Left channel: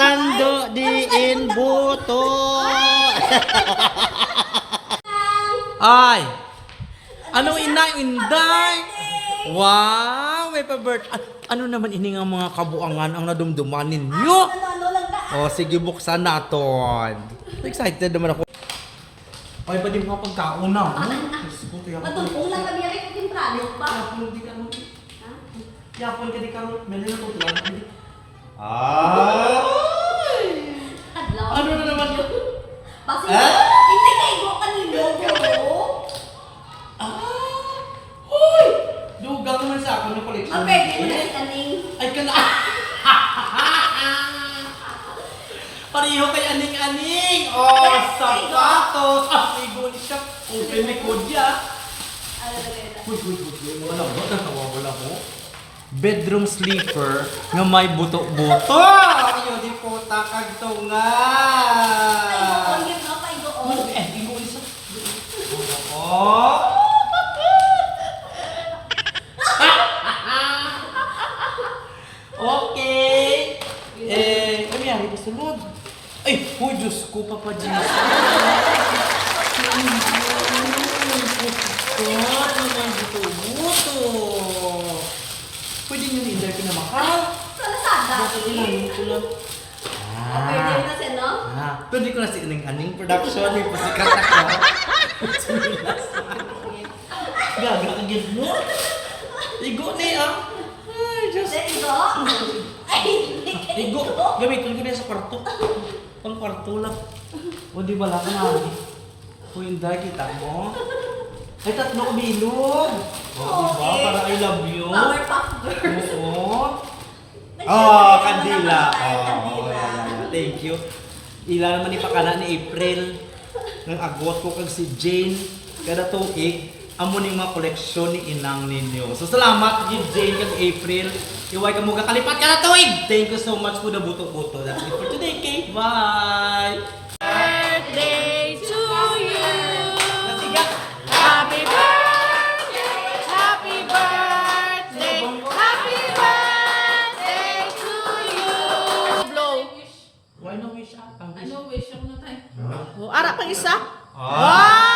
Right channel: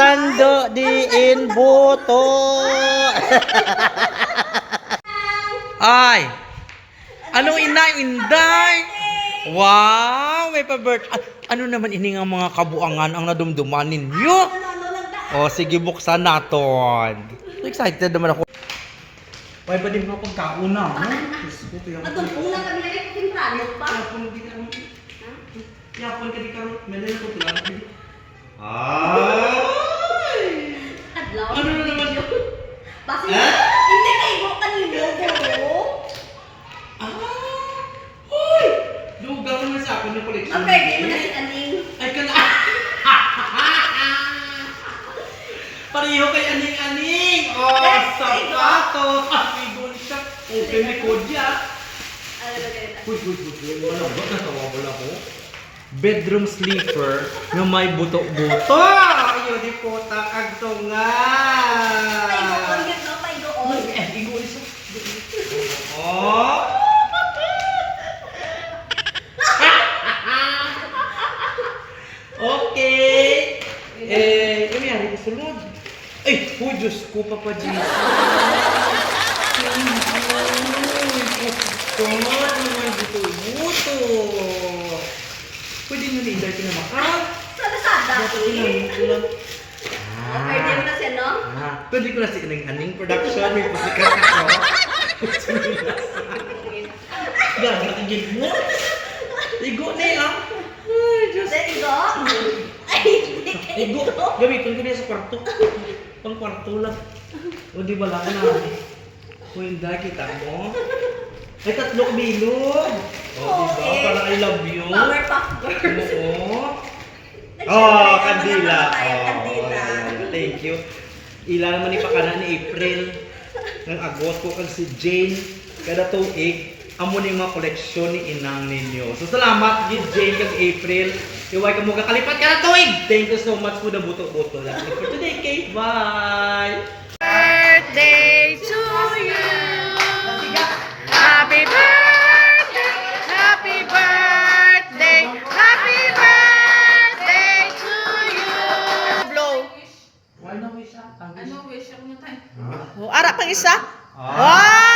tando di in buto. Ay! Anong inay, inday? Wow! May pa-birth. Ah, ano naman ini nga mga kabuangan ang nadumduman ninyo? O, sige, buksan naton. Excited naman ako. Ay, ba din mga tiyak ko. Matumpong lang kami na rin pa. Yapon di ka. Yapon ka di ka. Meron na. Ah! Yung collection. Ang pwede mo na si Kaning. Ay ka na. Pareho kay aning-aning. Oh, sapatos. Ah, may siya. Okay, may kodya. Ano na ganyan? Uy, uy, uy, uy. Ano ba? Natawawala ko. Bedroom sleeper nga may buto-buto. Ayaw di po takag to nga. Paigoon, yun no? Paigoon. Eh, igo isa. Oh. Okay. Eh, ano yan? Ito sunod. Ay, oh, Diyos ko, Papa Jesus. Ito, ano yan? Buto-buto. Pwede nyo na-inday kinamakal. Sa Lazada. Buto ko lang, ko lang. O, pwede mo na siya, no? Ah, pwede ko na si Aning Aning Production, yung pasikat ako. Gagatigin mo. Igo ni ah. Ay, Diyos. There you go. Ay, hindi kayo. Igo. Gamitin ko niya sa kwarto. Pang kwarto lang. O di ba lang na? O hindi, kita mo. Ay, tatlo ko bilog. O di ba? Okay. Para I love you. Powerpuff Girls. Oo. Oh, kandila. Oh, thank you. Ila naman ni pakana ni April ng agot ko kag si Jane kada tuig amo ning mga koleksyon ni inang ninyo. So salamat gid Jane kag April. Iway ka mo kakalipat kada tuig. Thank you so much the buto-buto. That's it for today, Kate. Bye. birthday to you. Happy birthday, happy birthday, happy birthday to you. Blow. Why no wish up? Ano wish ako na tayo? Oh, ara pang isa? Ah.